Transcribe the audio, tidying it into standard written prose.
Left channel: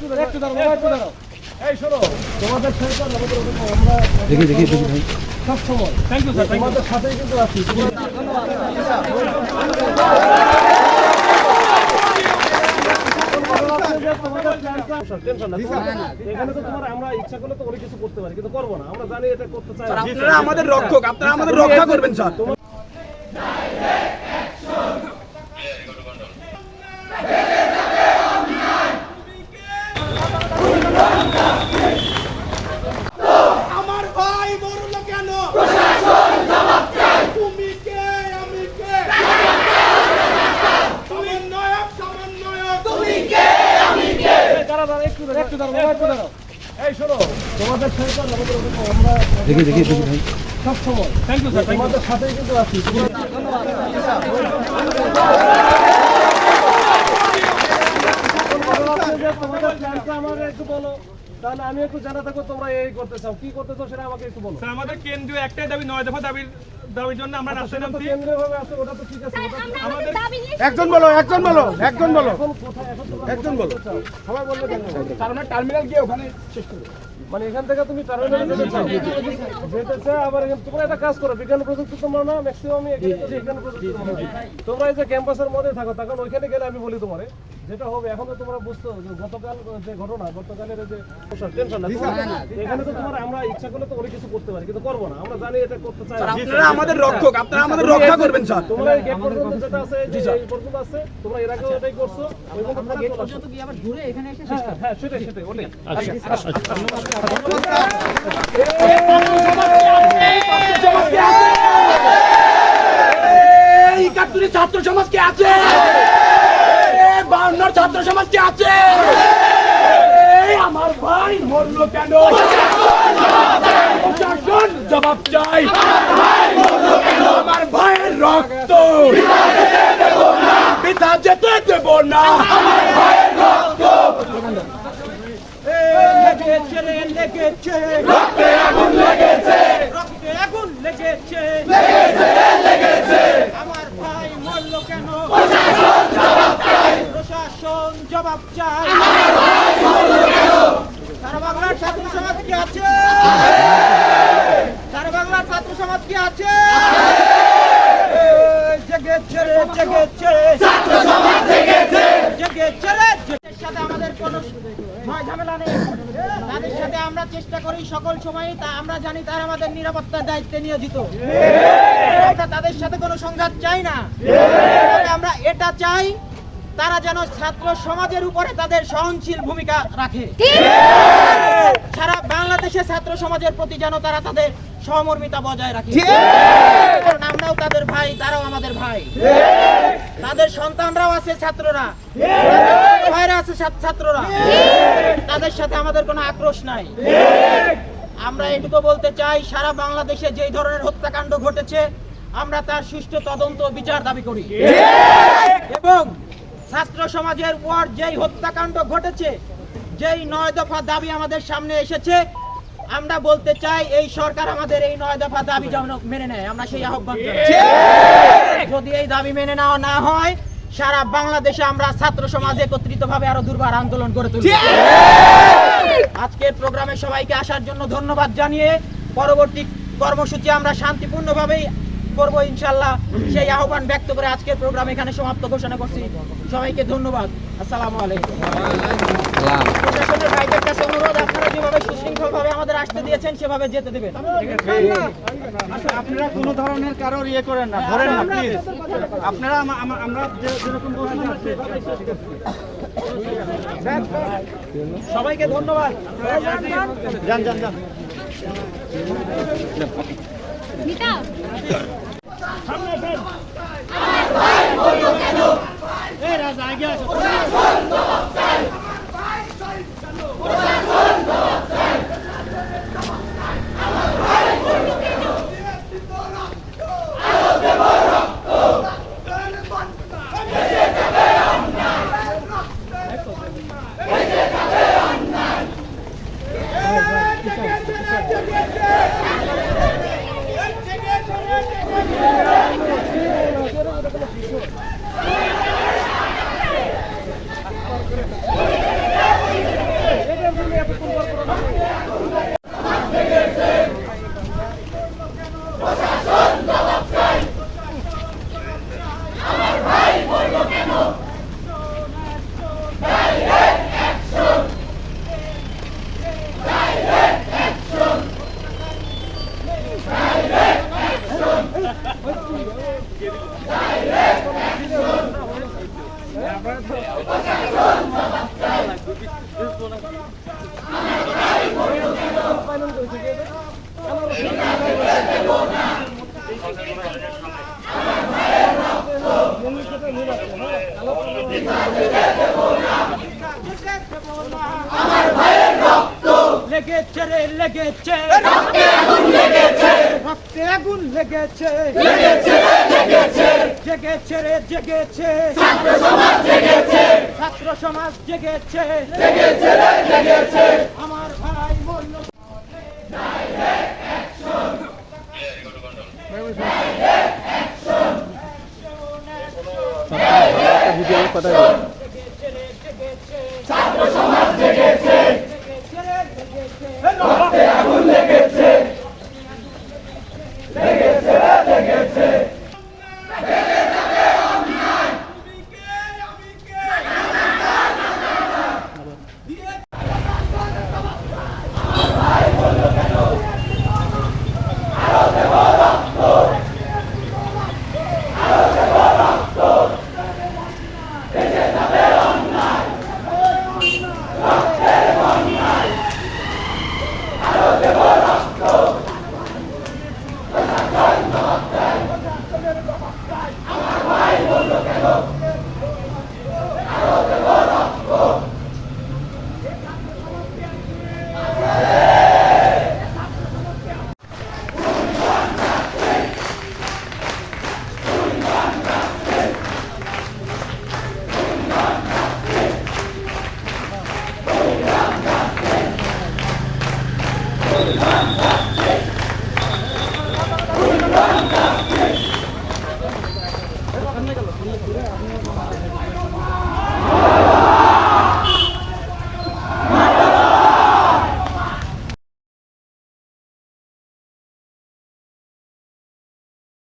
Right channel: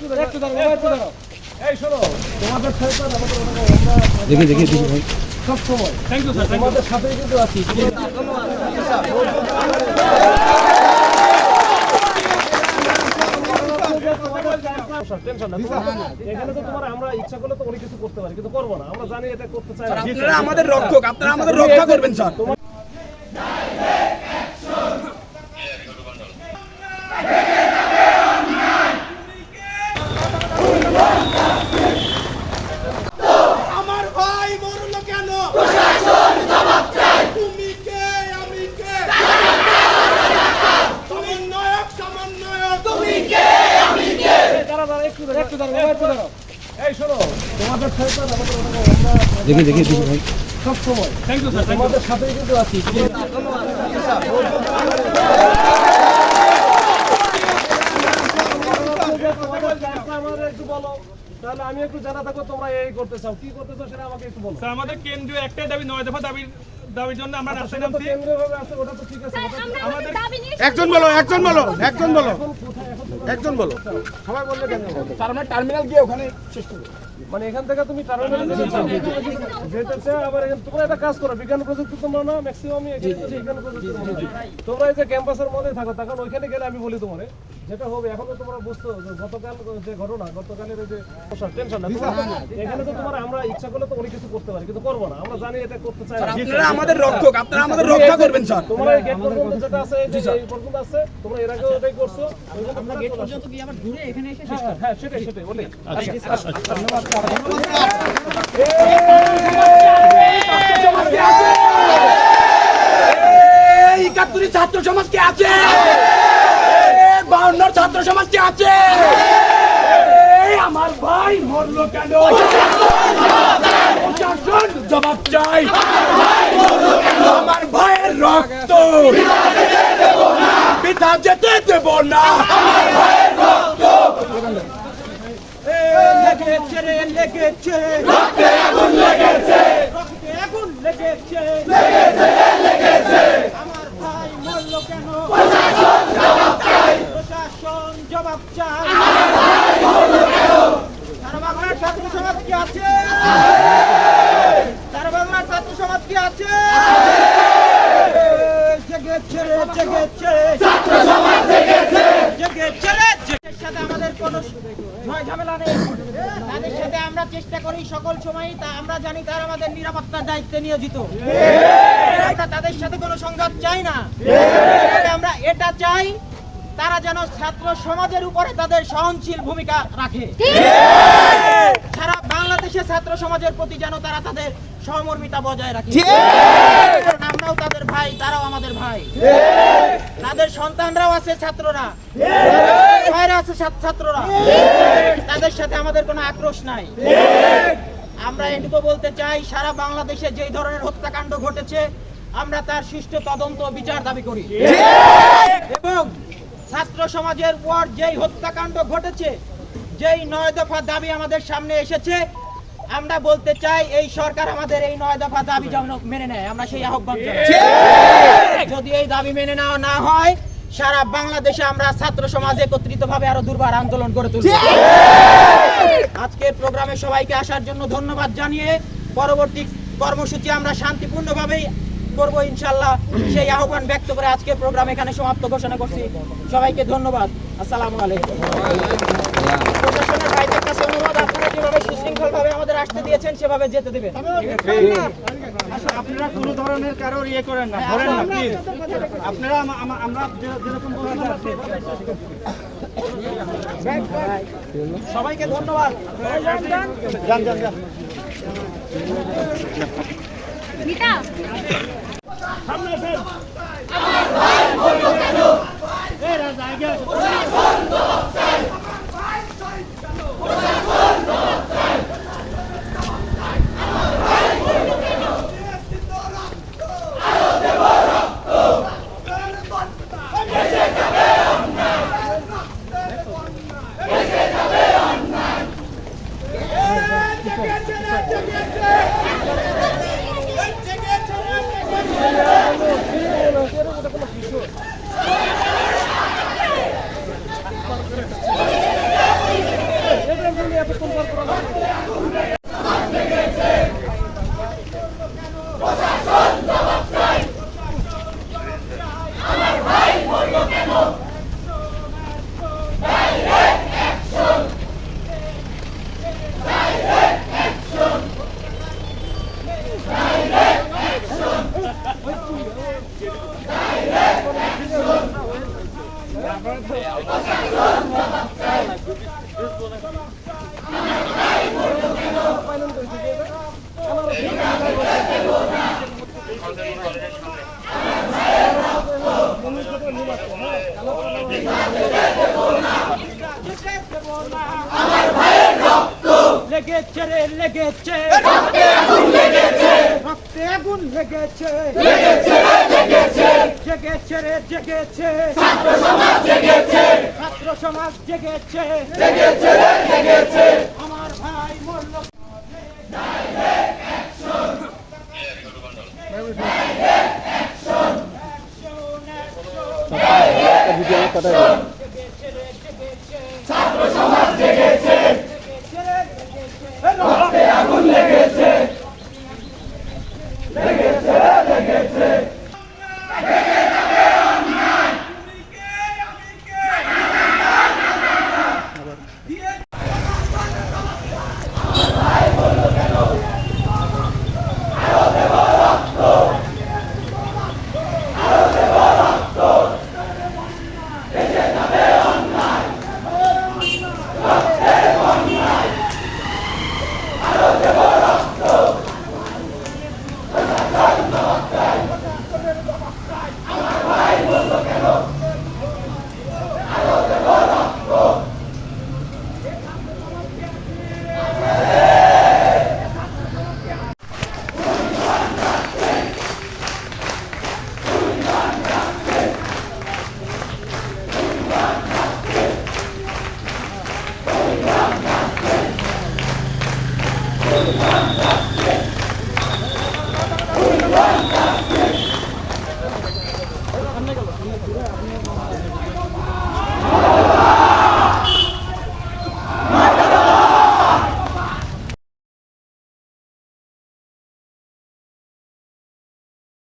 এই শোনো, তোমাদের সাথে আমরা দেখি ভাই সব সময় থ্যাংক ইউ স্যার, তোমাদের সাথেই কিন্তু আছি। ধন্যবাদ। এখানে তো তোমার আমরা ইচ্ছা করলে তো অনেক কিছু করতে পারি, কিন্তু করবো না। আমরা জানি এটা করতে চাই। আপনারা আমাদের রক্ষক, আপনারা আমাদের রক্ষা করবেন স্যার। আমার ভাই মরল কেন? প্রশাসন জবাব চাই। তুমি কে আমি কে? তুমি নায়ক সমন্বয়ক। তুমি কে আমি কে? দাঁড়া একটু দাঁড়াও। এই শোনো, তোমাদের সাথে আমরা দেখি ভাই সব সময় থ্যাংক ইউ স্যার, তোমাদের সাথেই কিন্তু আছি। ধন্যবাদ। আমাকে একটু বলো, তাহলে আমি একটু জানা থাকবো তোমরা এই করতে চাও, কি করতে চাও সেটা আমাকে একটু বলো। আমাদের কেন্দ্রীয় একটাই দাবি, 9 দফা দাবির জন্য আমরা রাস্তায় নামছি। কেন্দ্রীয় ভাবে আছে, ওটা তো ঠিক আছে। আমাদের একজন বলো। এখন সবাই বললে কেন? টার্মিনাল গিয়ে ওখানে শেষ করব। মানে এখান থেকে তুমি টার্মিনালে যেতে চাও, আবার এখানে তোমরা একটা কাজ করো, বিজ্ঞান প্রযুক্তি তোমরা না ম্যাক্সিমাম বিজ্ঞান প্রযুক্তি তোমরা এই যে ক্যাম্পাসের মধ্যে থাকো, তখন ওইখানে গেলে আমি বলি তোমারে যেটা হবে। এখন তো তোমরা বুঝতো যে গতকাল যে ঘটনা, গতকালের এই যে টেনশন না, এখানে তো তোমার আমরা ইচ্ছা করলে তো অনেক কিছু করতে পারি, কিন্তু করবো না। আমরা জানি এটা করতে চাই। আপনারা আমাদের রক্ষক, আপনারা আমাদের রক্ষা করবেন স্যার। তোমরা এই গেট পর্যন্ত যেটা আছে, এই পর্যন্ত আছে, তোমরা এর আগেও এটাই করছো। আমরা গেট পর্যন্ত কি আবার ঘুরে এখানে এসে হ্যাঁ সেটাই ওটাই। ছাত্র সমাজ কে আছে? 52 ছাত্র সমাজ কে আছে? আমার ভাই মরলো কেন? প্রশাসন জবাব চাই। আমার ভাইয়ের রক্ত বৃথা যেতে দেব না। লেগেছে রক্তে আগুন লেগেছে, রক্তে আগুন লেগেছে। আমার ভাই মরল কেন? প্রশাসন জবাব চাই। প্রশাসন জবাব চাই। সারা বাংলার ছাত্র সমাজ কি আছে? সারা বাংলার ছাত্র সমাজ কি আছে? জেগেছে ছাত্র সমাজ, জেগেছে। সাথে আমাদের কোনো ভয় ঝামেলা নেই, তাদের সাথে আমরা চেষ্টা করি সকল সময়ই, তা আমরা জানি তারা আমাদের নিরাপত্তার দায়িত্বে নিয়োজিত। আমরা তাদের সাথে কোনো সংঘাত চাই না, তবে আমরা এটা চাই তারা যেন ছাত্র সমাজের উপরে তাদের সহনশীল ভূমিকা রাখে। সারা বাংলাদেশে ছাত্র সমাজের প্রতি যেন তারা তাদের সহমর্মিতা বজায় রাখে। কারণ আমরাও তাদের ভাই, তারাও আমাদের ভাই। তাদের সন্তানরাও আছে ছাত্ররা, ভাইরা আছে ছাত্ররা, তাদের সাথে আমাদের কোনো আক্রোশ নাই। আমরা এটুকু বলতে চাই, সারা বাংলাদেশে যেই ধরনের হত্যাকাণ্ড ঘটেছে আমরা তার সুষ্ঠু তদন্ত ও বিচার দাবি করি। এবং ছাত্র সমাজের উপর যেই হত্যাকাণ্ড ঘটেছে, যেই 9 দফা দাবি আমাদের সামনে এসেছে, আমরা বলতে চাই এই সরকার আমাদের এই 9 দফা দাবি যেন মেনে নেয়। আমরা সেই আহ্বান জানাচ্ছি। যদি এই দাবি মেনে নেওয়া না হয়, সারা বাংলাদেশে আমরা ছাত্র সমাজ একত্রিতভাবে আরো দুর্বার আন্দোলন করে তুলব। আজকের প্রোগ্রামে সবাইকে আসার জন্য ধন্যবাদ জানিয়ে পরবর্তী কর্মসূচি আমরা শান্তিপূর্ণভাবেই করব ইনশাআল্লাহ, সেই আহ্বান ব্যক্ত করে আজকের প্রোগ্রাম এখানে সমাপ্ত ঘোষণা করছি। সবাইকে ধন্যবাদ। আসসালামু আলাইকুম। প্রশাসনের ভাইদের কাছে অনুরোধ, আপনারা যেভাবে সুশৃঙ্খলভাবে আমাদের আসতে দিয়েছেন সেভাবে যেতে দেবেন। আপনারা কোনো ধরনের কারোর ইয়ে করেন না, ধরেন না প্লিজ। আপনারা আমরা যেরকম বলছি সবাইকে ধন্যবাদ। যান। লেগেছে রক্তে আগুন লেগেছে জেগেছে রে জেগেছে ছাত্র সমাজ জেগেছে আমার ভাই মূল্য ছাত্র সমাজ জেগেছে আগুন লেগেছে